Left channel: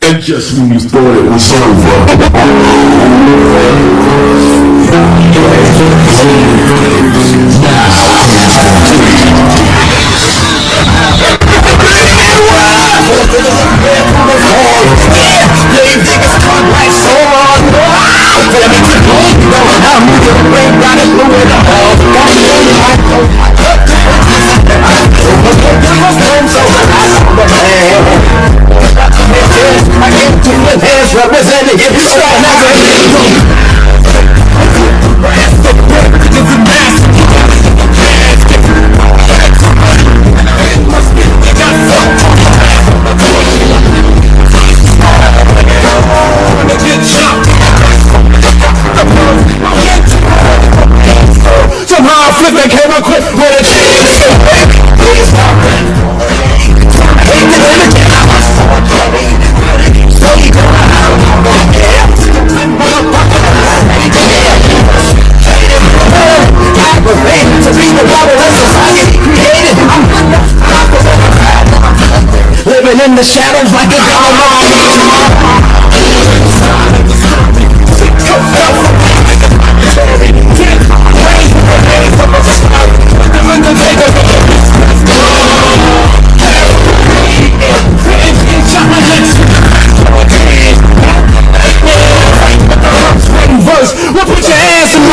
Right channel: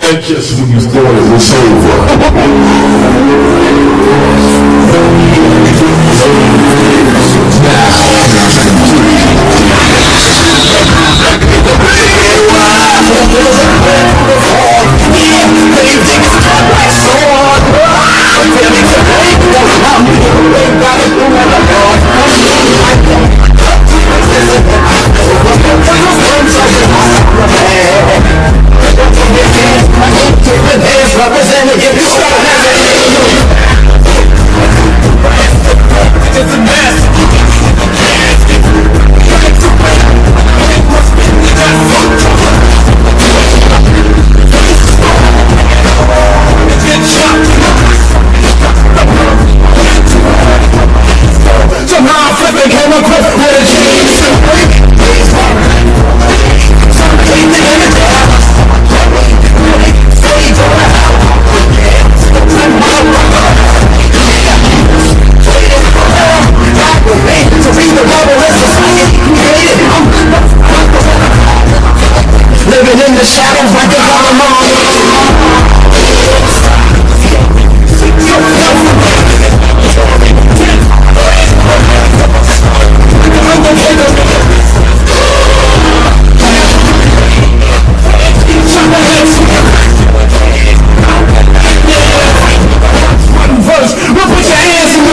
Just when you thought it was over. The shadows like a verse, we'll put your hands in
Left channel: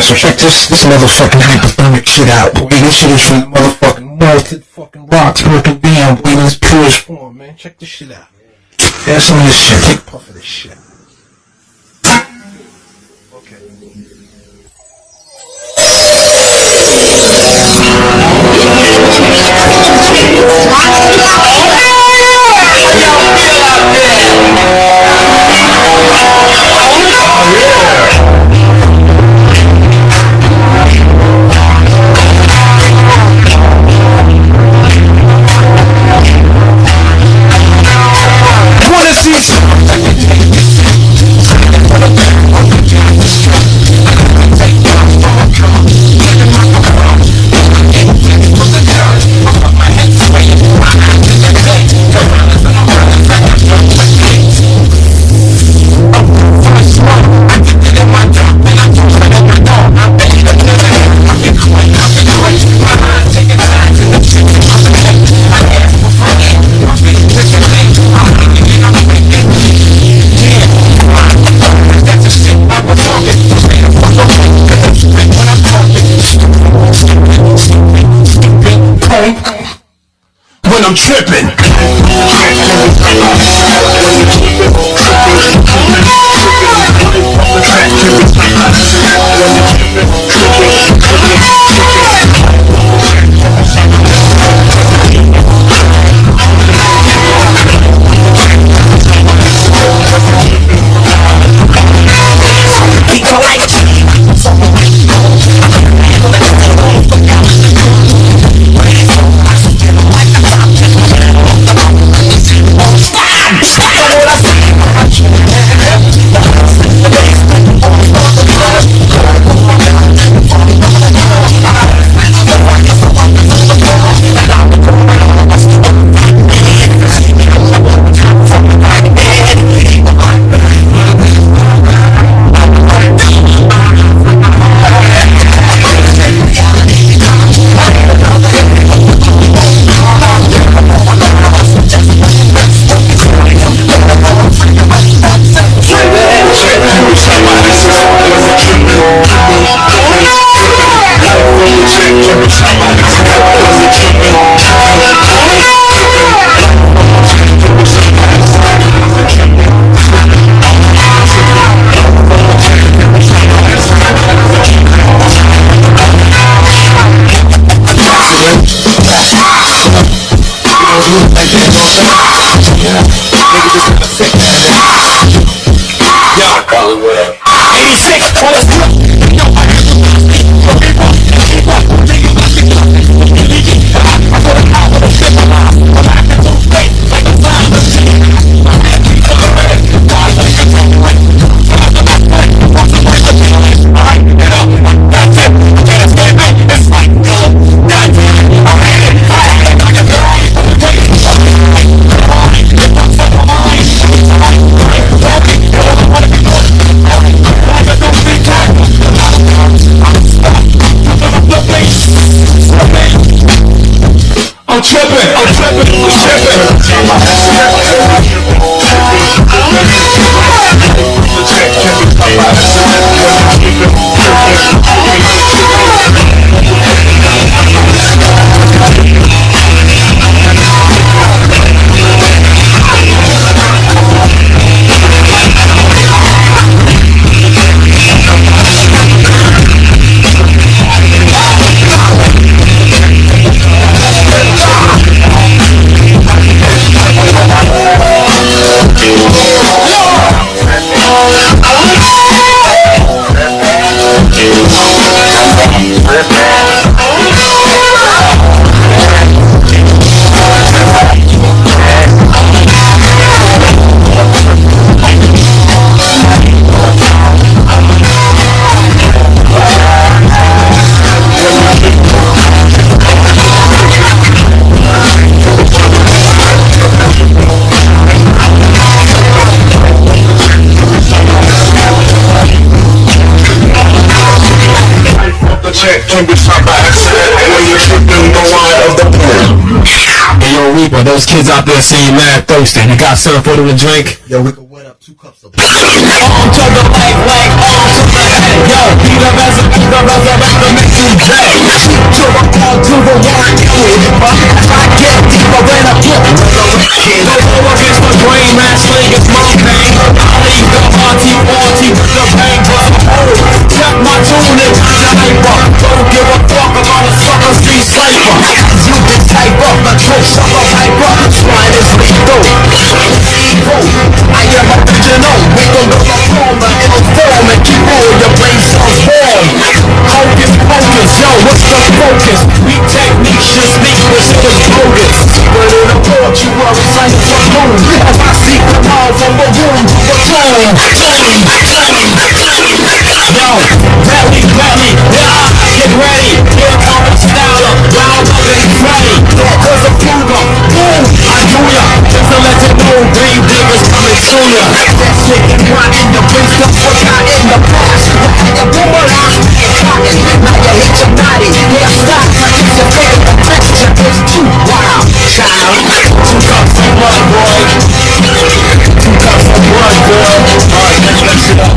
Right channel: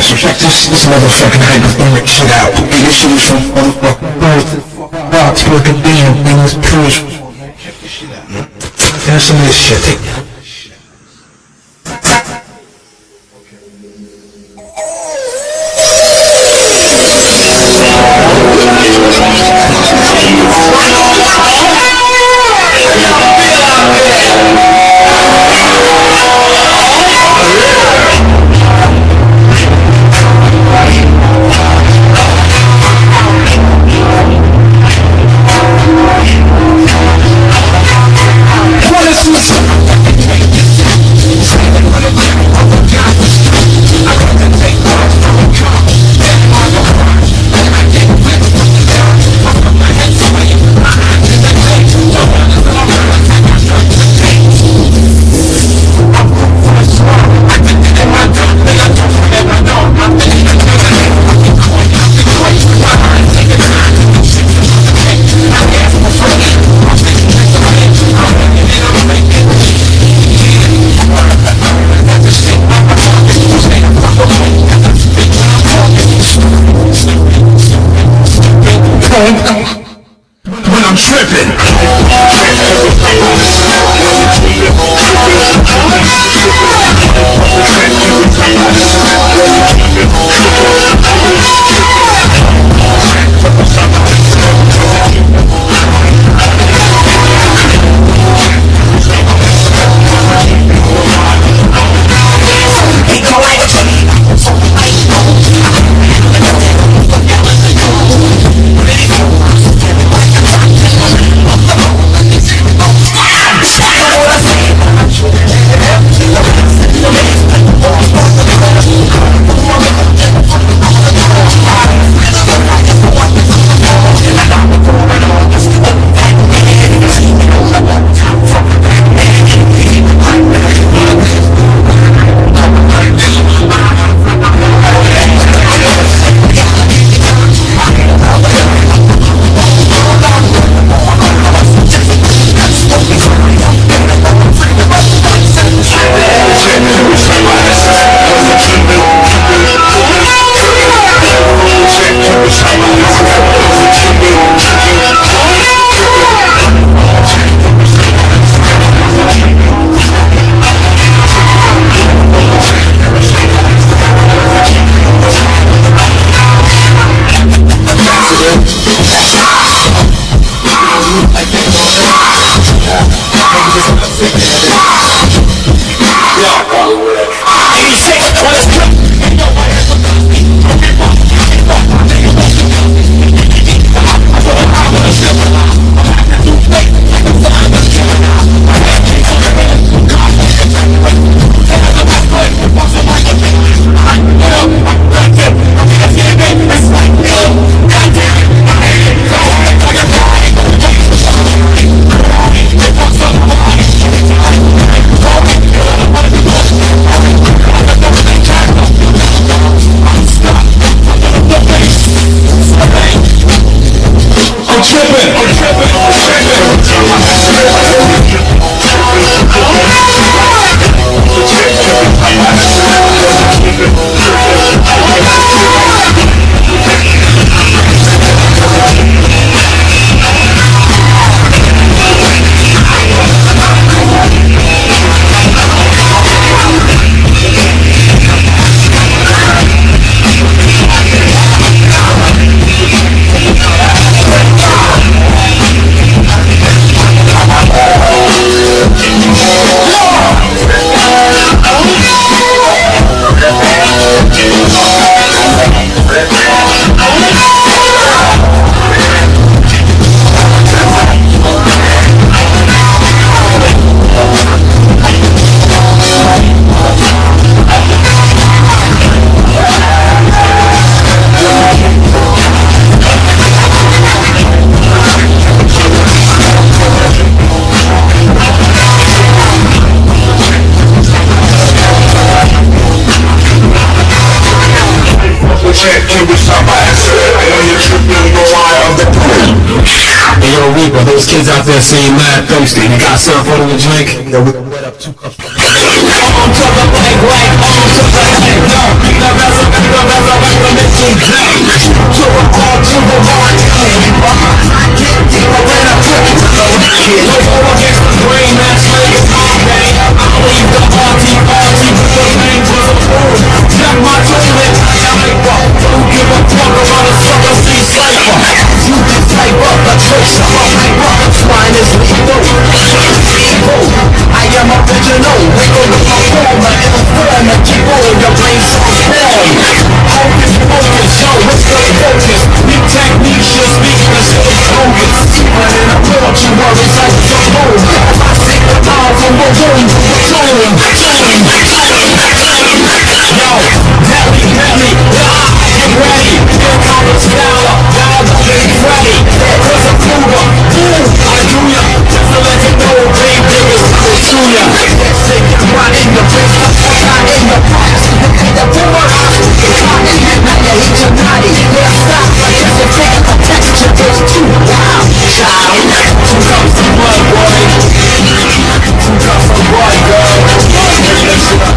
So check this motherfucking hypothermic shit out. This shit is from motherfucking bar to fucking damn in this purest. Check this shit out, man. There's some of this shit. Take this shit. When I'm tripping. Hey yo, Reaper, those kids out there saying mad thirsty. You got syrup for them to drink? Yo, we wet up 2 cups. On to the leg, on to the head. Yo, Tequila, resurrect, make you play. To the all to the right, as I get deeper than a pit. No go against the grain, man, slang is my pain. I leave the party with the pain, cause check my tune and hyper. Don't give a fuck about a summer street sniper. You can type up the tricks of a hyper. Swine is lethal. I am original. We gon' go perform and form and keep on your brain cells warm. Hocus pocus, yo, what's the focus? We take these shit sneakers and the bogus. But in a mortuary site of the home, as I seek the power from the womb to the throne. Yo, Melly, yeah, get ready. Here comes Stella, Wilder and Freddy. There's a Cougar, boom, I do ya. Just to let you know, grave diggers coming to ya. That shit is right in the place, not what's out in the past. The boomerang, cotton, now you hate your body. Yeah, stop, like it's a bigger, the texture is too wild. Child, 2 cups of blood, boy. 2 cups of blood, girl. Alright, let's get shit up.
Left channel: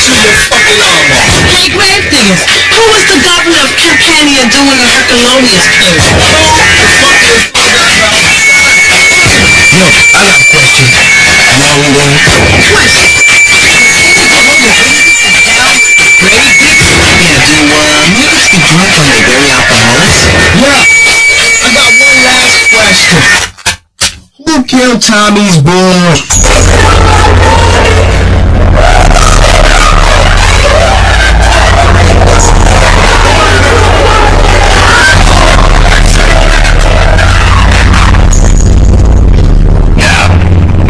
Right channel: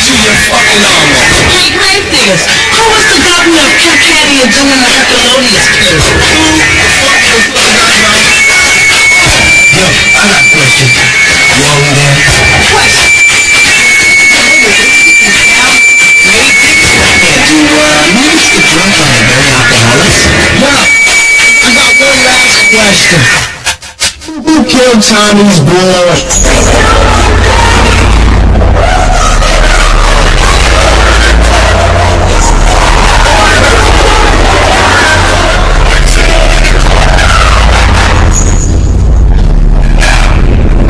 to your fucking armor. Hey, Gravediggaz, how is the governor of Campania doing the Herculonius curse? Who the fuck is going on about? Yo, I got a question. Yo, man. Question. Niggas get drunk when they're very alcoholics? No. I got one last question. Who killed Tommy's boy?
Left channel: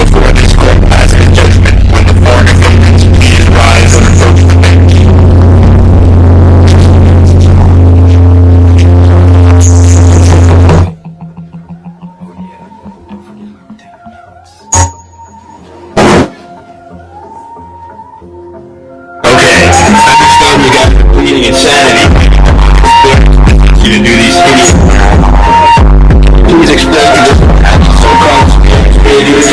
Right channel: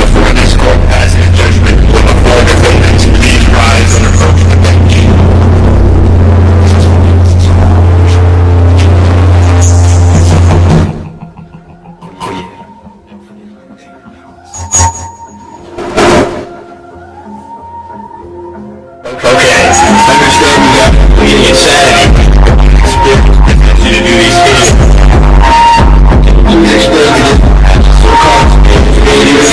Before this court passes judgment, when the four defendants please rise and approach the bench. Okay, understand you got meeting insanity. You to do these things. Please explain to the so-called behaviors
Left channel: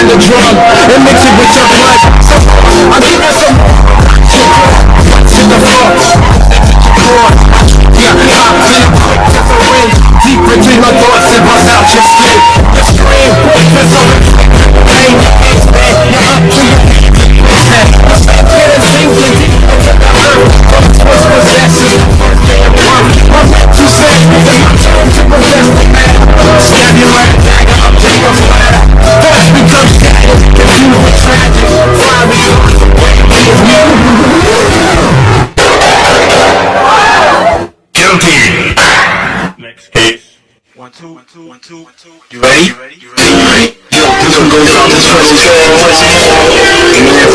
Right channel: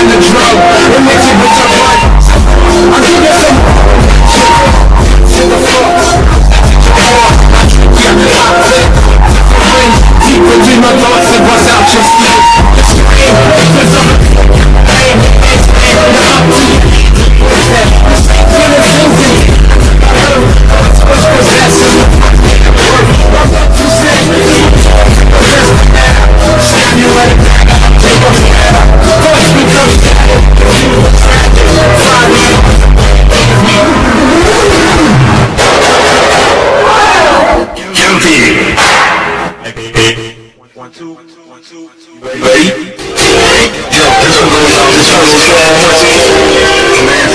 in the drug and mix it with your blood. I give you some in the floor. Deep between my thoughts and bust out your skin. Scream, focus on the pain. Up to you. Killing things in what's possessing. You say, stab you right back. Take a flat. Thoughts become confused, tragic. Guilty. Ready? Yo, this one goes out to Turtle and that's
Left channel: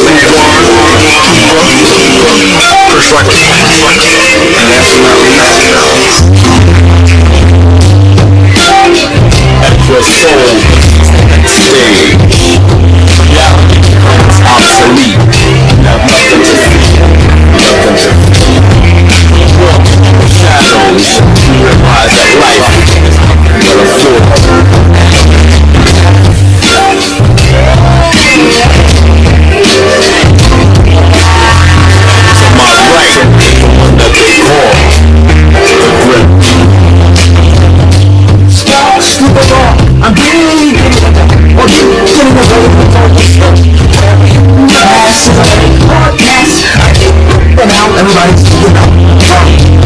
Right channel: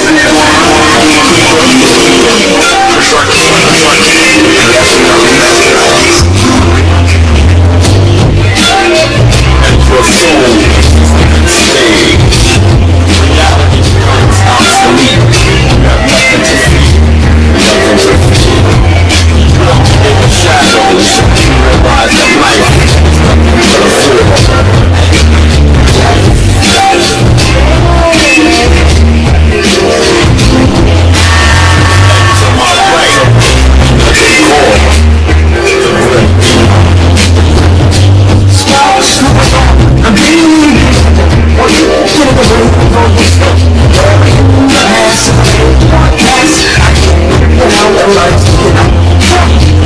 and for soul, stay. Reality becomes obsolete. You have nothing to fear, nothing to fear. Walk in the shadows, you realize that life is to my right, what they call the grim. Squawks to the law, I'm getting or you kill the world. The mass is a podcast. And how everybody's looking up.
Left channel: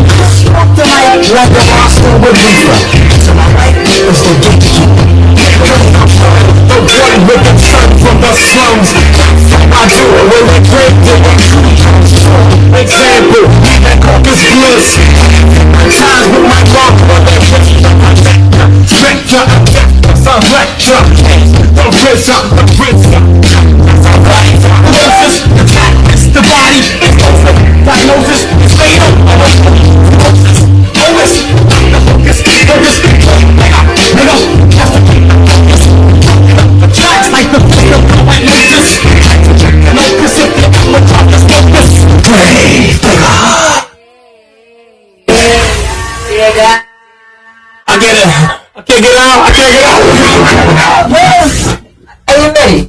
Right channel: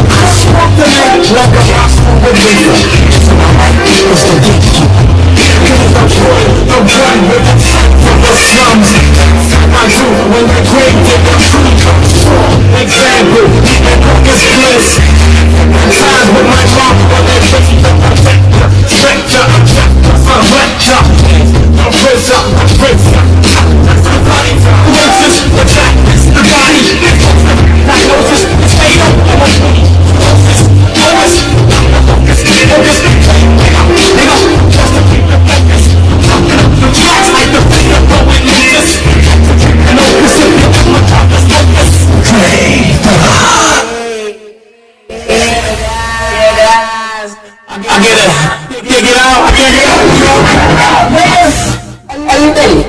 I smoke the night like a monster with reefer. To my right is the geek. Here comes the boy with the sun from the slums. I do it when they drink with the true comes from. Example, my caucus bliss. Times with my mom, while they push the protector. Stretcher, some lecture. The prison, the prison. The body, Moses, the practice, the body. Diagnosis, it's fatal. Focus, focus, focus, focus. Nigga, just to keep the focus. The tracks like the finger going Moses. And opus it, the focus, focus. I get it. I can't get out. I can't get out. Yes. Are you ready?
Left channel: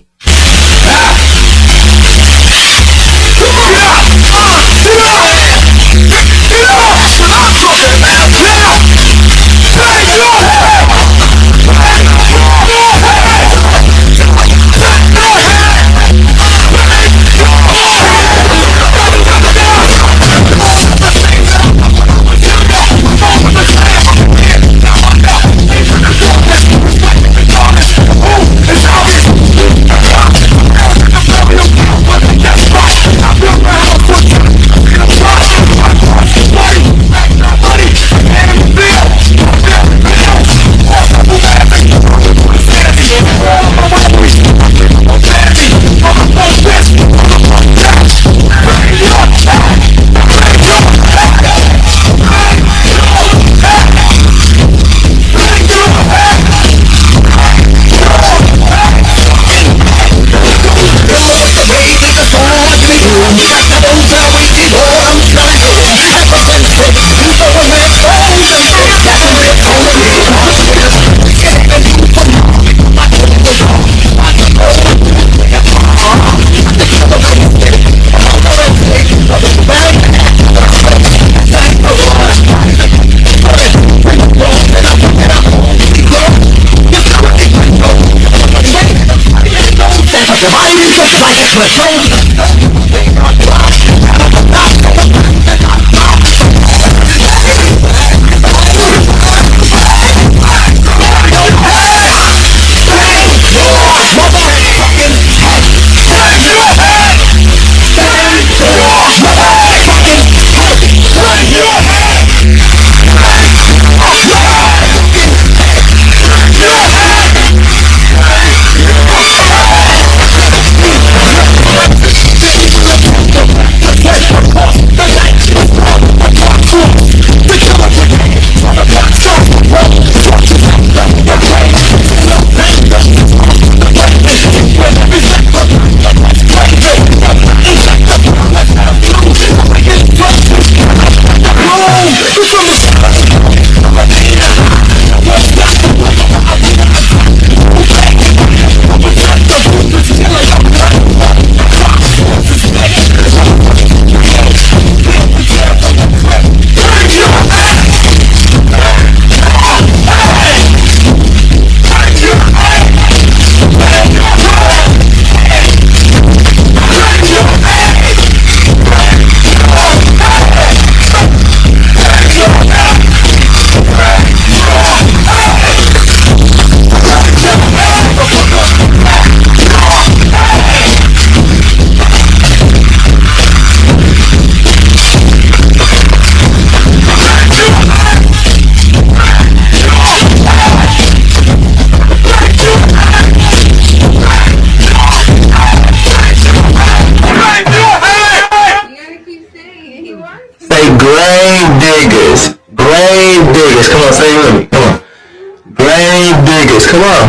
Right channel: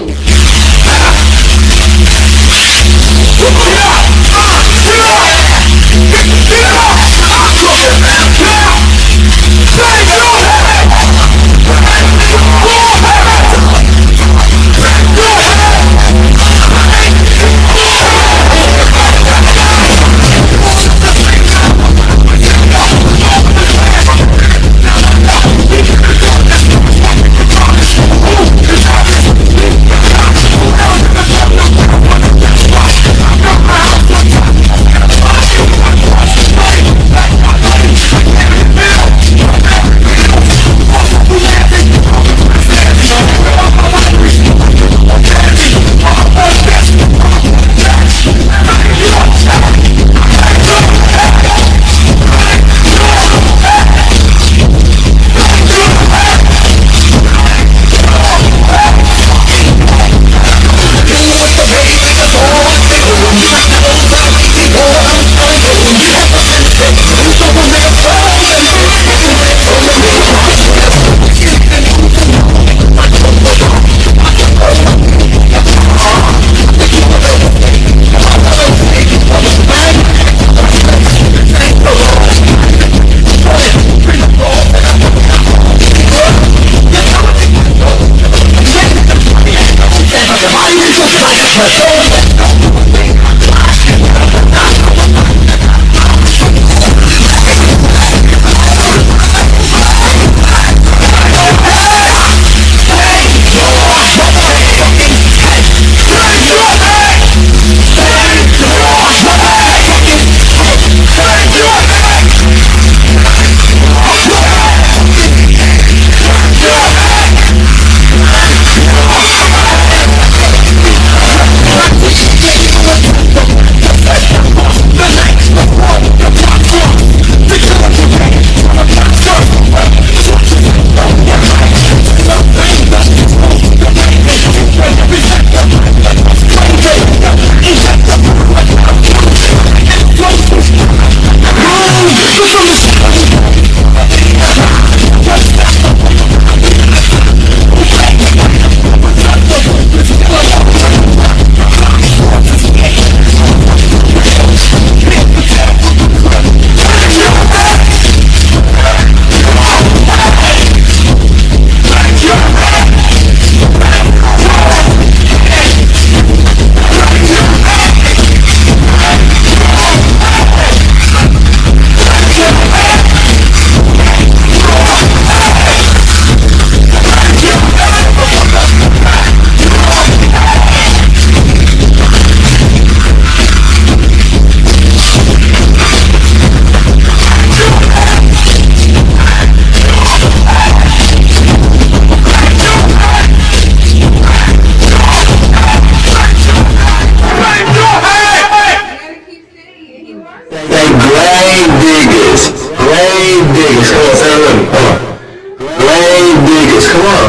What's KOALA?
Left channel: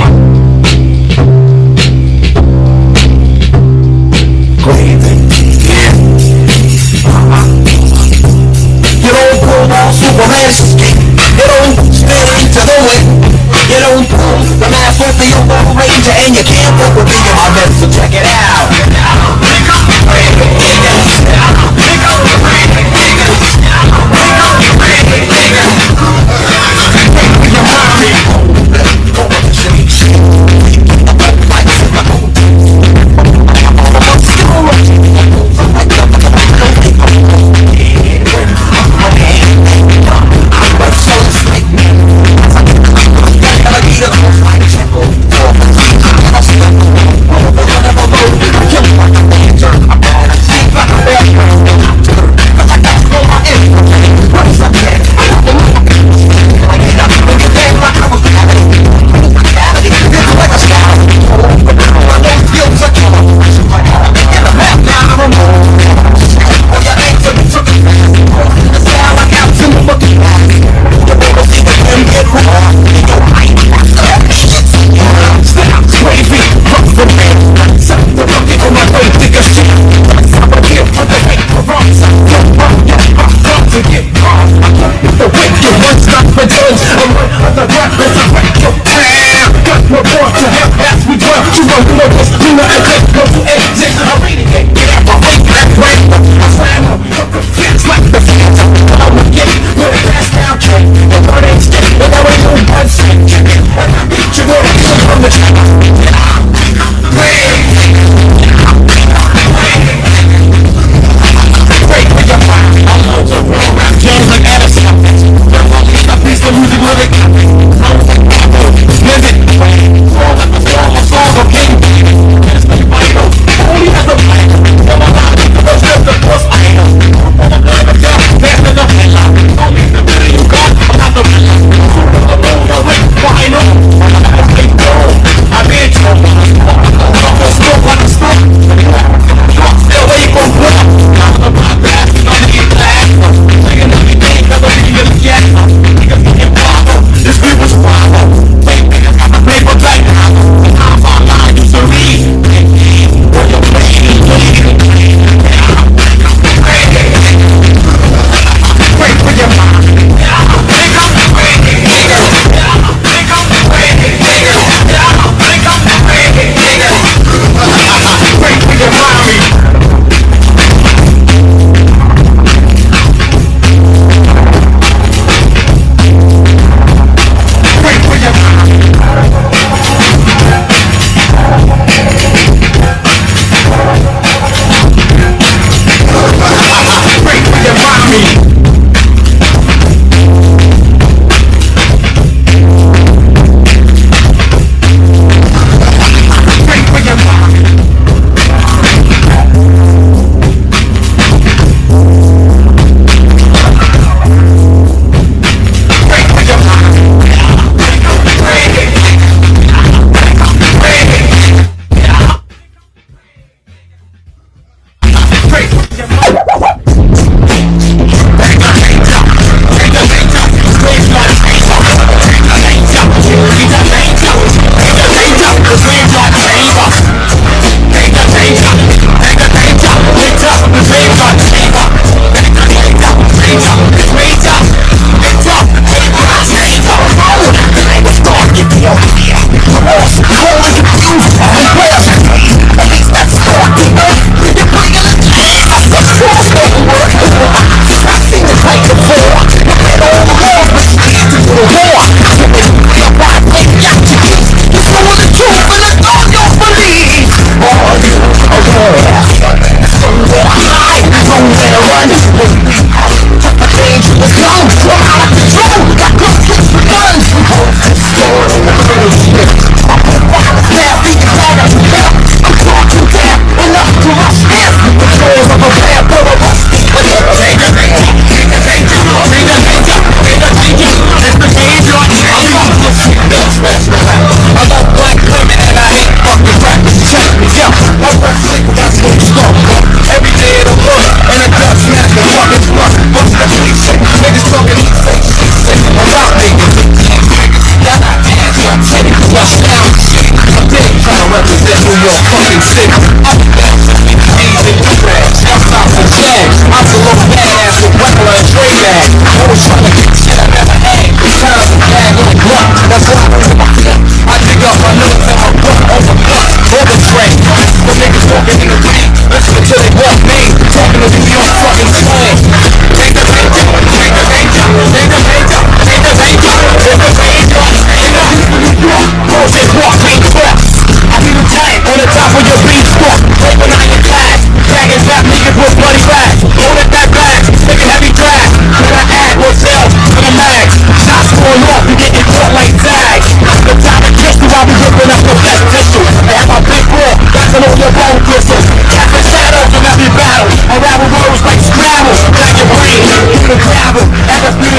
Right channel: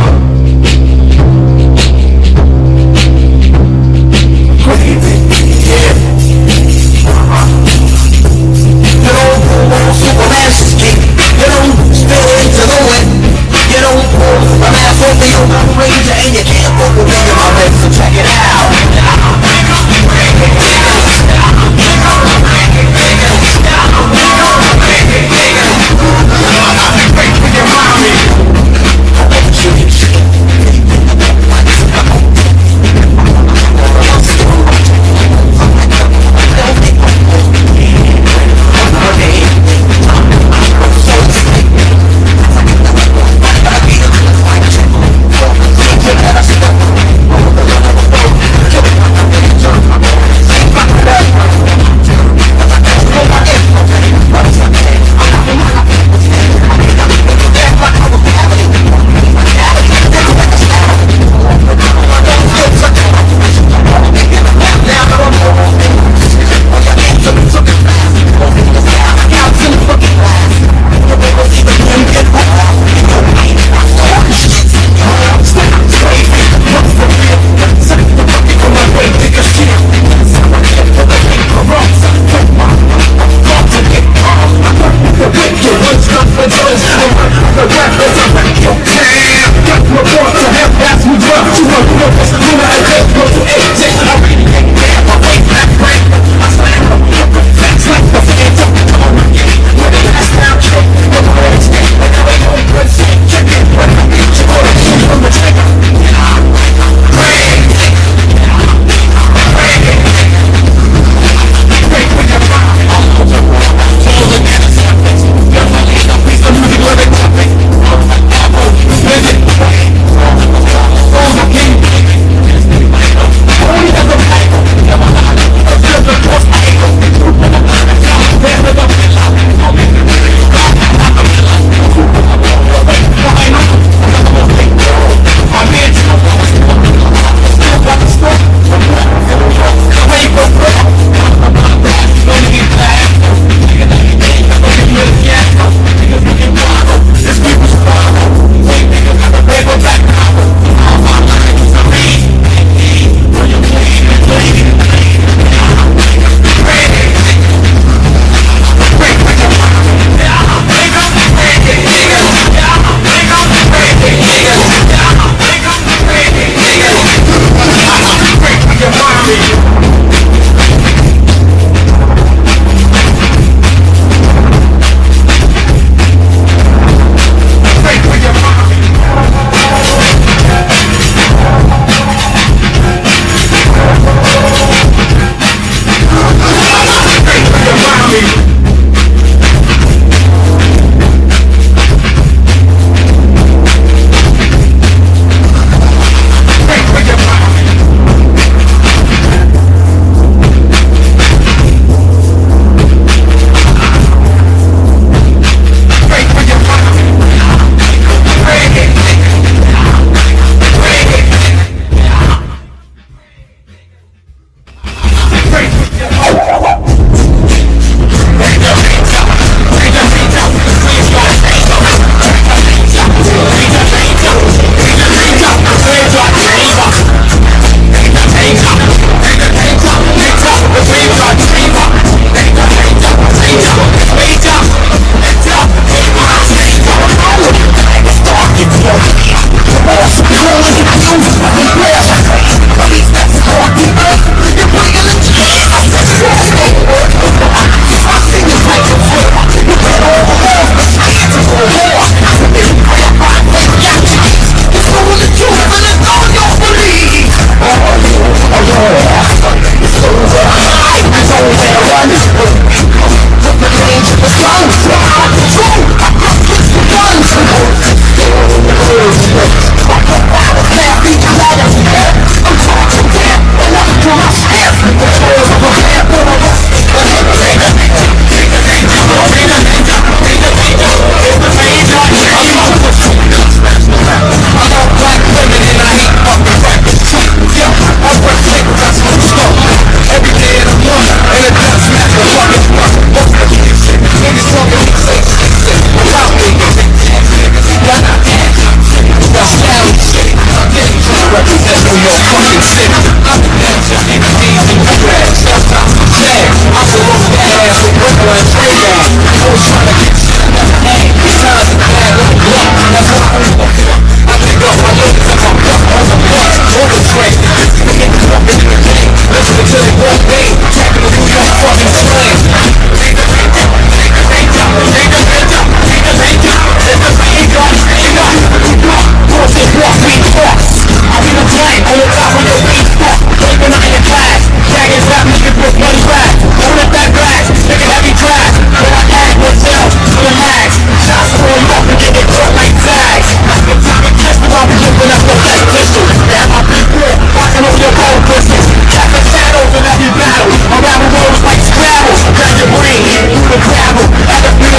Yeah. You don't pull on Superman skate. You don't spin into the wind. You don't pull a man for the old ranger, and you can't put the thing in my bed, so check it out.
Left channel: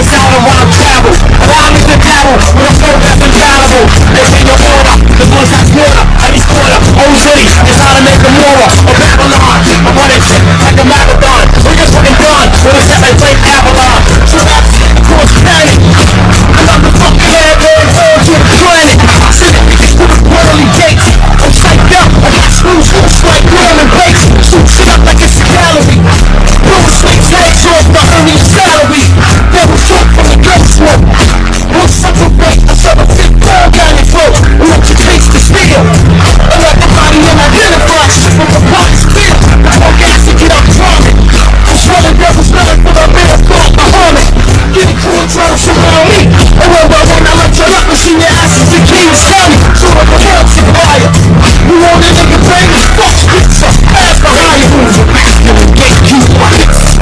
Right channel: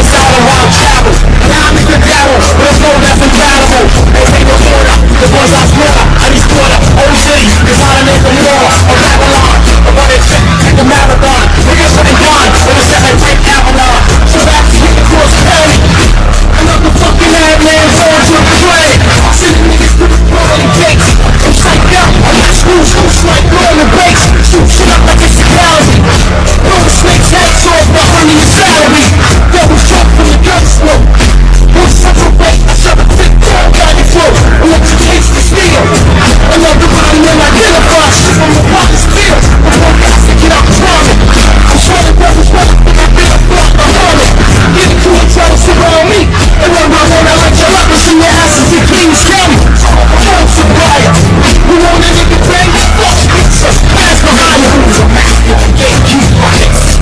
beside him while I'm travel. Allow me to dabble with a flow that's invaluable. They ain't no order, the voice I quarter. I need quarter, OZ, is how to make a moral of Babylon. I'm on that shit like a marathon. We're just fucking done with a seven type Avalon. So that's cross panic. I'm the fucking madman, hands to the planet. Sitting niggas through the pearly gates. I'm psyched out, I got screws like Northern Bakes. Shoot shit up like it's a gallery. Roll snakes heads off my earning salary. Devil's drop from the gun smoke. You're such a fake, I shove a thick down down your throat. And let you taste the steel. And let the body when I identify shit from your pockets feel. I got to get up driving. I'm showing devils nothing for my bitter thought, my heart. Getting cool, try to surround me. And when I let you up, machine your asses in Kings County. So I can help you buy it. You want a nigga bang? Fuck pizza, ass behind you. Gatekeeper,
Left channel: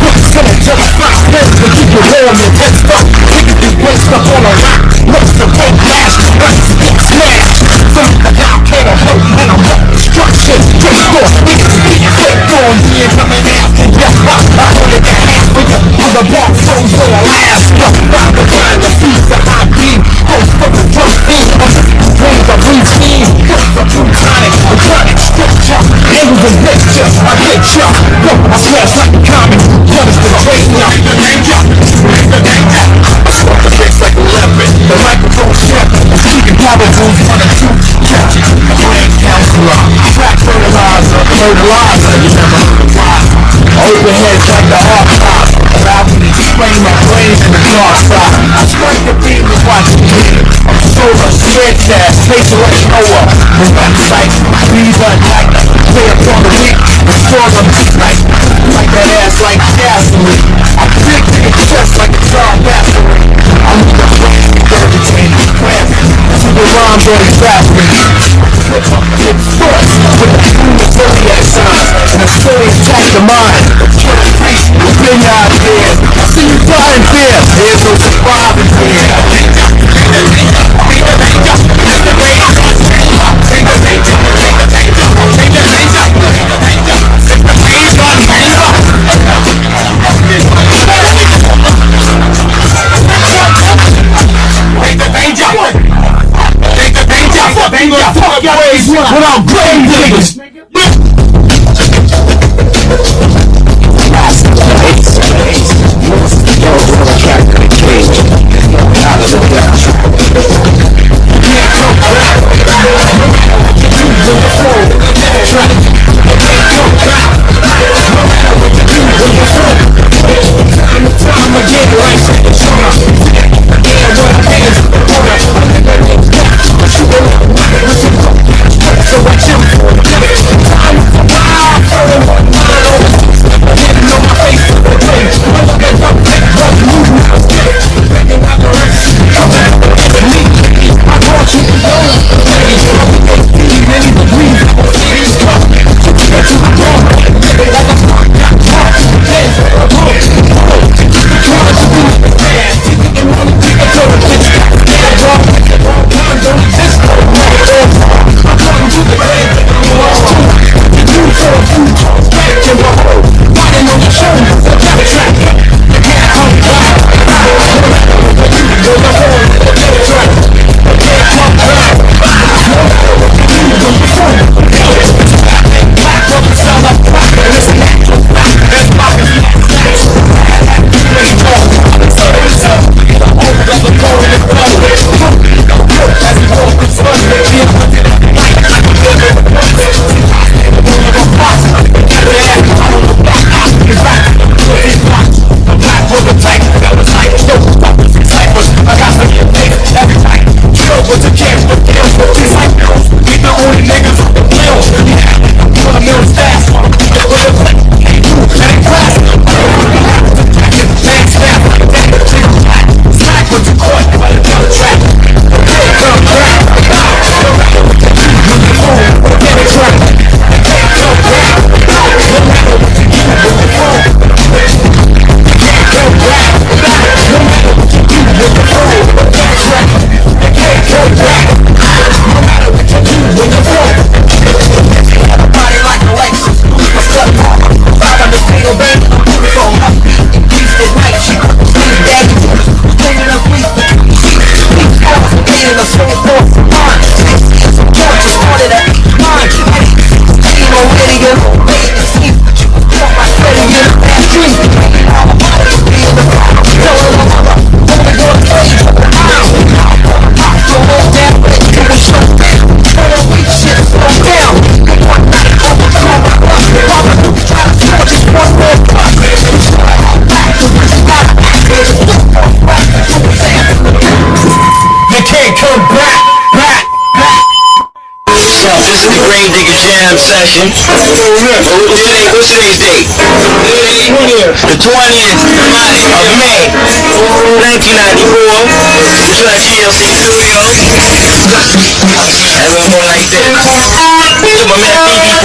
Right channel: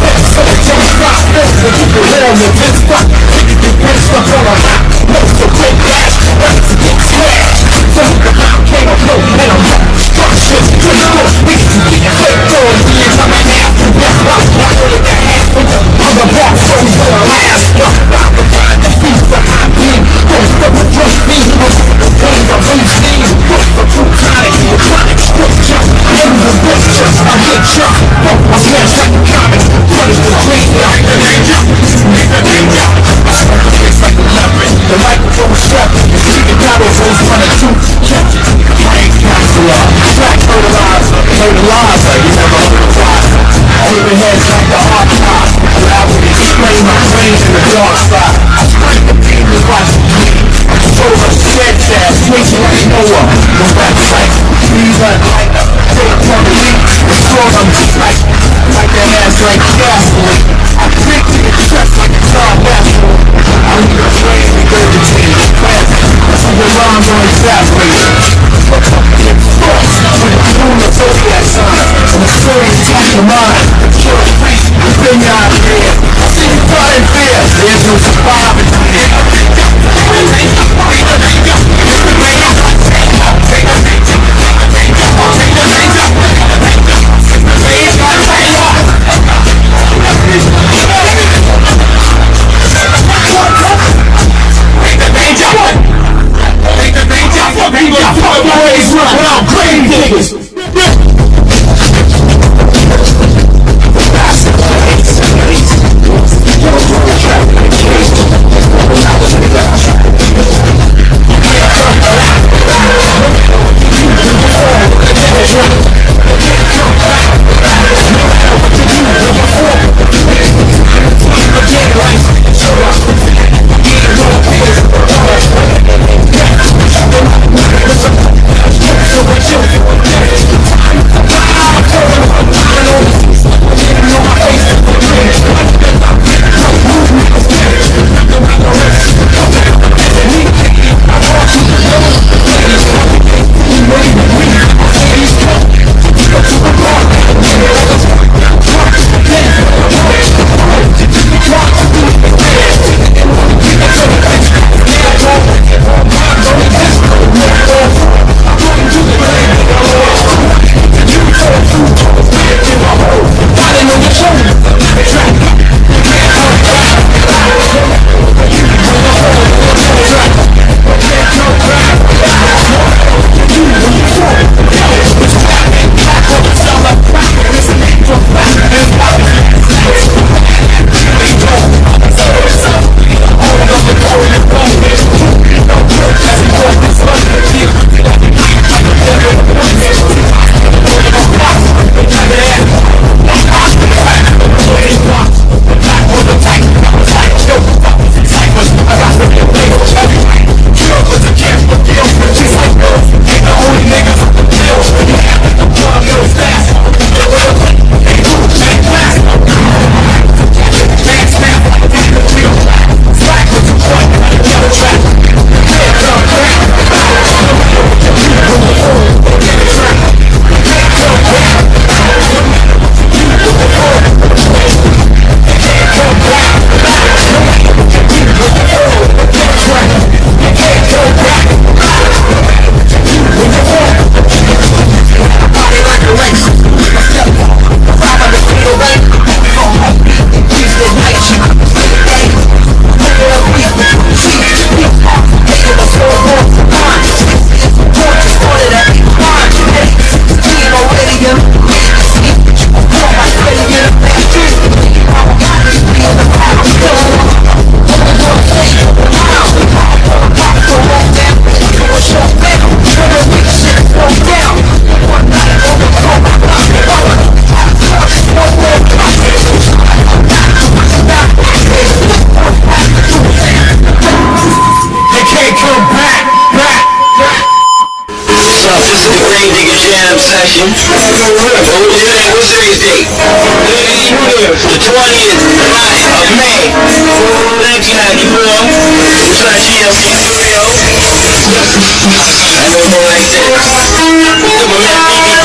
let's go, just stop. Let's go, keep your warm, your fist up. Let's go, all I got. Let's go, get flash. Let's go, smash. From the down, can't I hold little structures. Just go, we can get your head going. We ain't coming out. Yeah, I only got half of the other walk, so Alaska. I'm the blind, the feet, the hot beam. That's what the drug thing. Bring the breeze thing. Put the brutonic, electronic structure. Everything pictures, I hit ya. I smash like a comet. What is the great love? Danger, danger. I swung the face like a leopard. The microphone shepherd. The speaking power rules 1 or 2. Catch it. I ain't capsular. Track fertilizer. Fertilizer. You never heard of wiser. Open heads like the hawk spot. Allow me to sprain my brains in the dark spot. I scrape the beam and watch it bleed. I'm solar, shred gas, face like Noah. The website, these are like day upon the week. The stores I'm just like that ass like gasoline. I break to get stressed like a child mastery. I need a brain regurgitating crap. See the rhymes on exasperating. It's first with the moon of zodiac signs. And the story attached to mine. Kill priest, bring your ideas. I see you die in fear. There's no surviving here. Without Gravediggaz. session. What's today's date? The 20th of May, 1994. It's on GLC Studio. And we go like this. To my man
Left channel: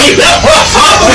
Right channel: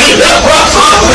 Piggy performer.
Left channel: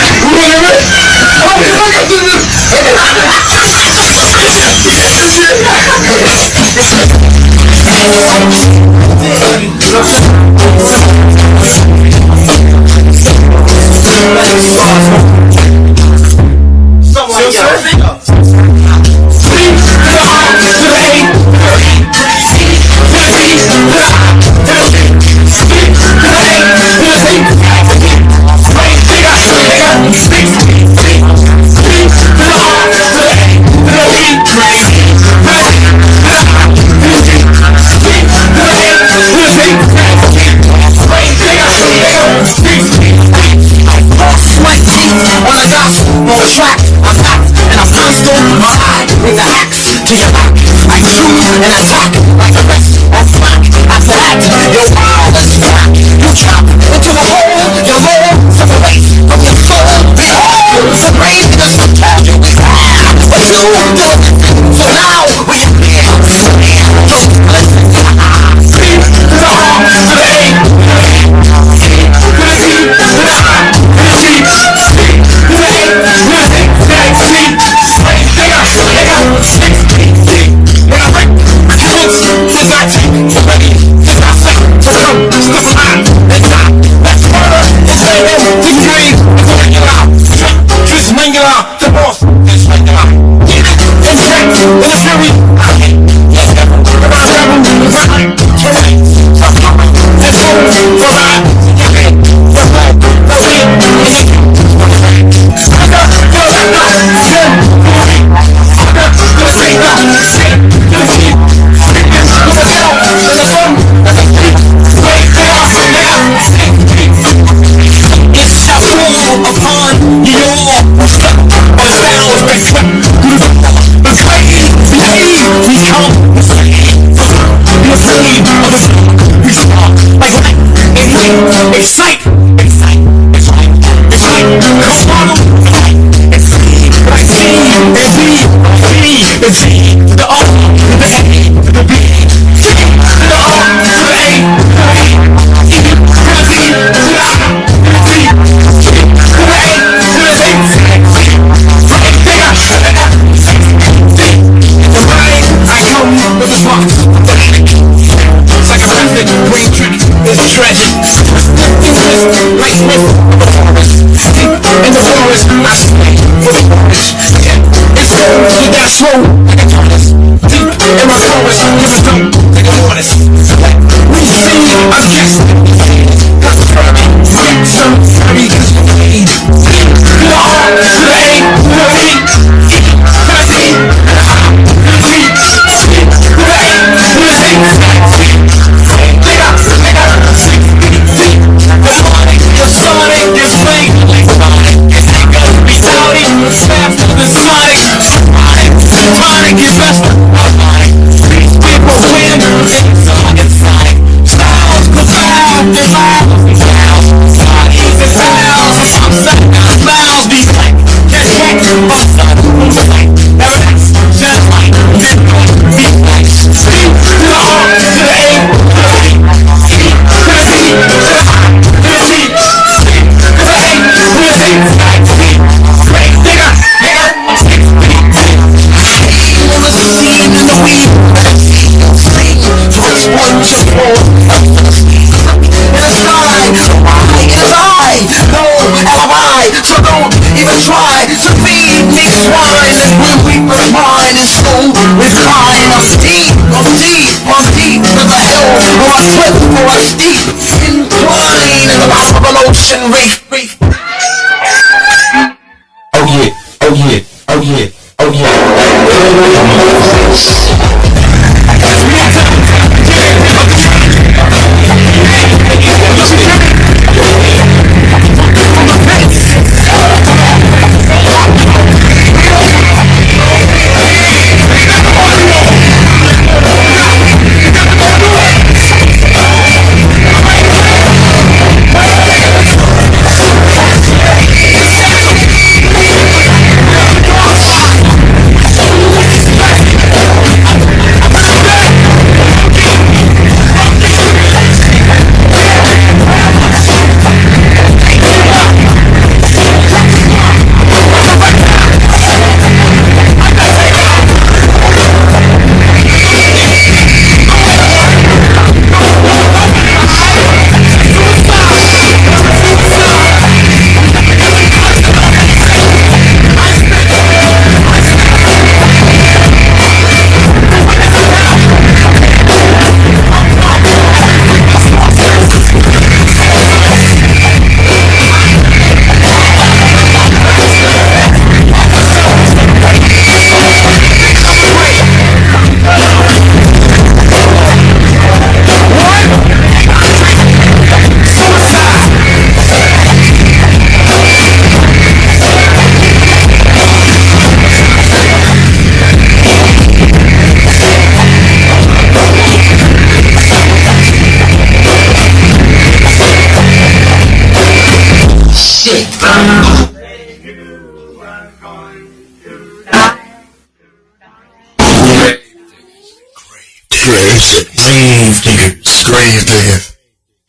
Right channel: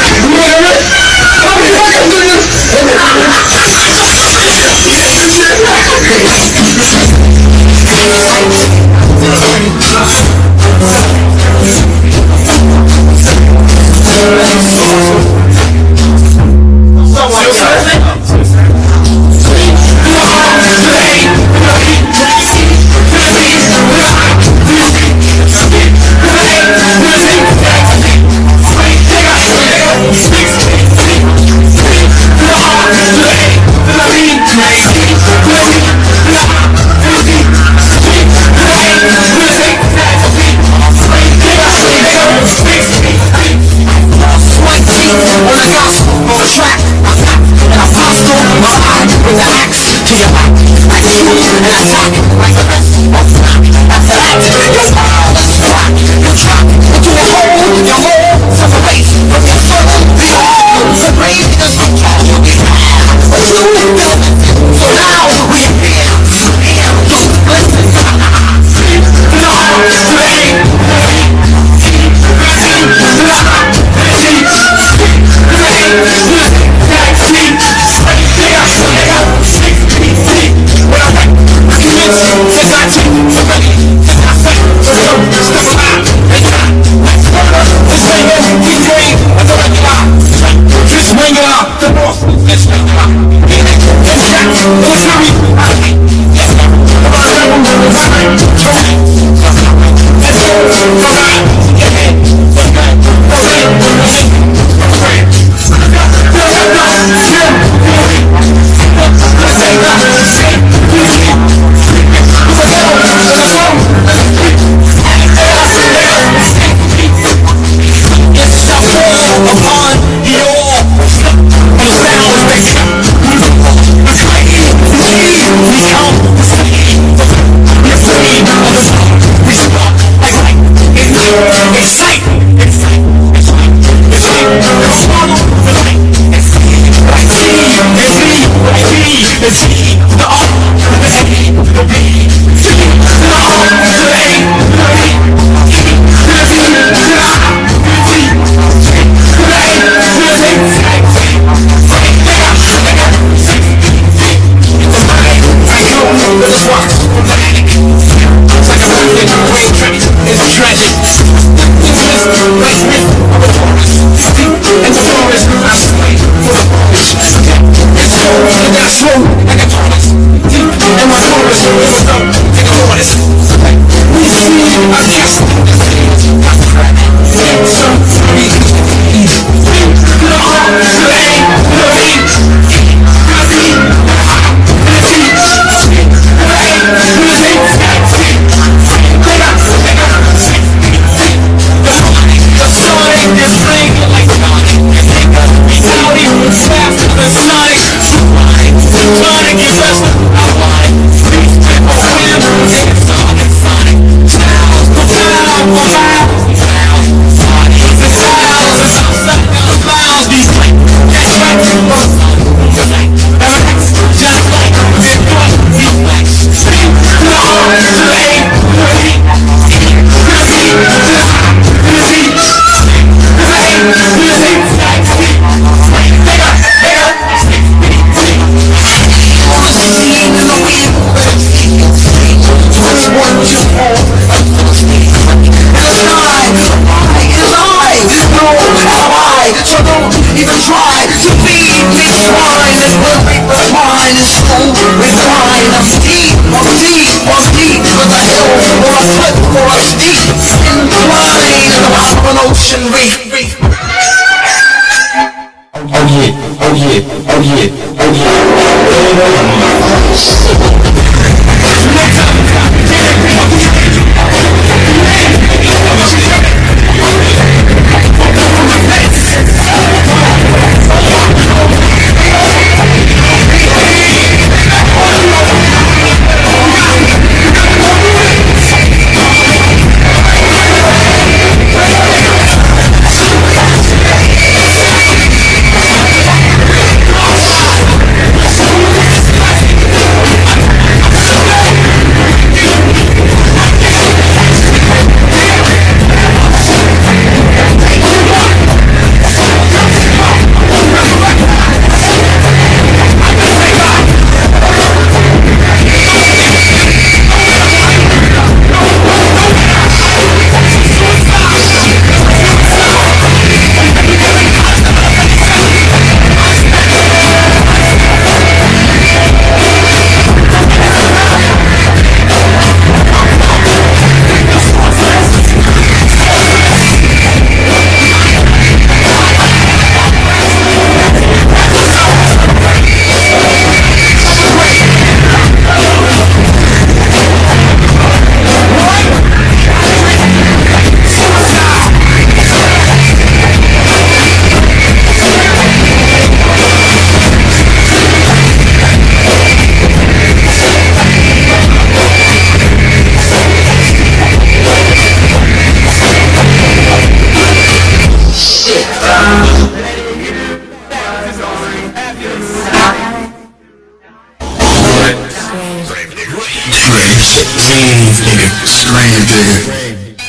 Grave digger. Grave digger.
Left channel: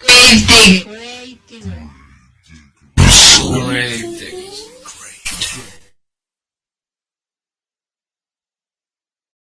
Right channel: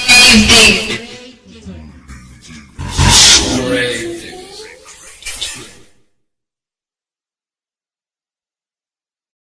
Grave digger. Grave.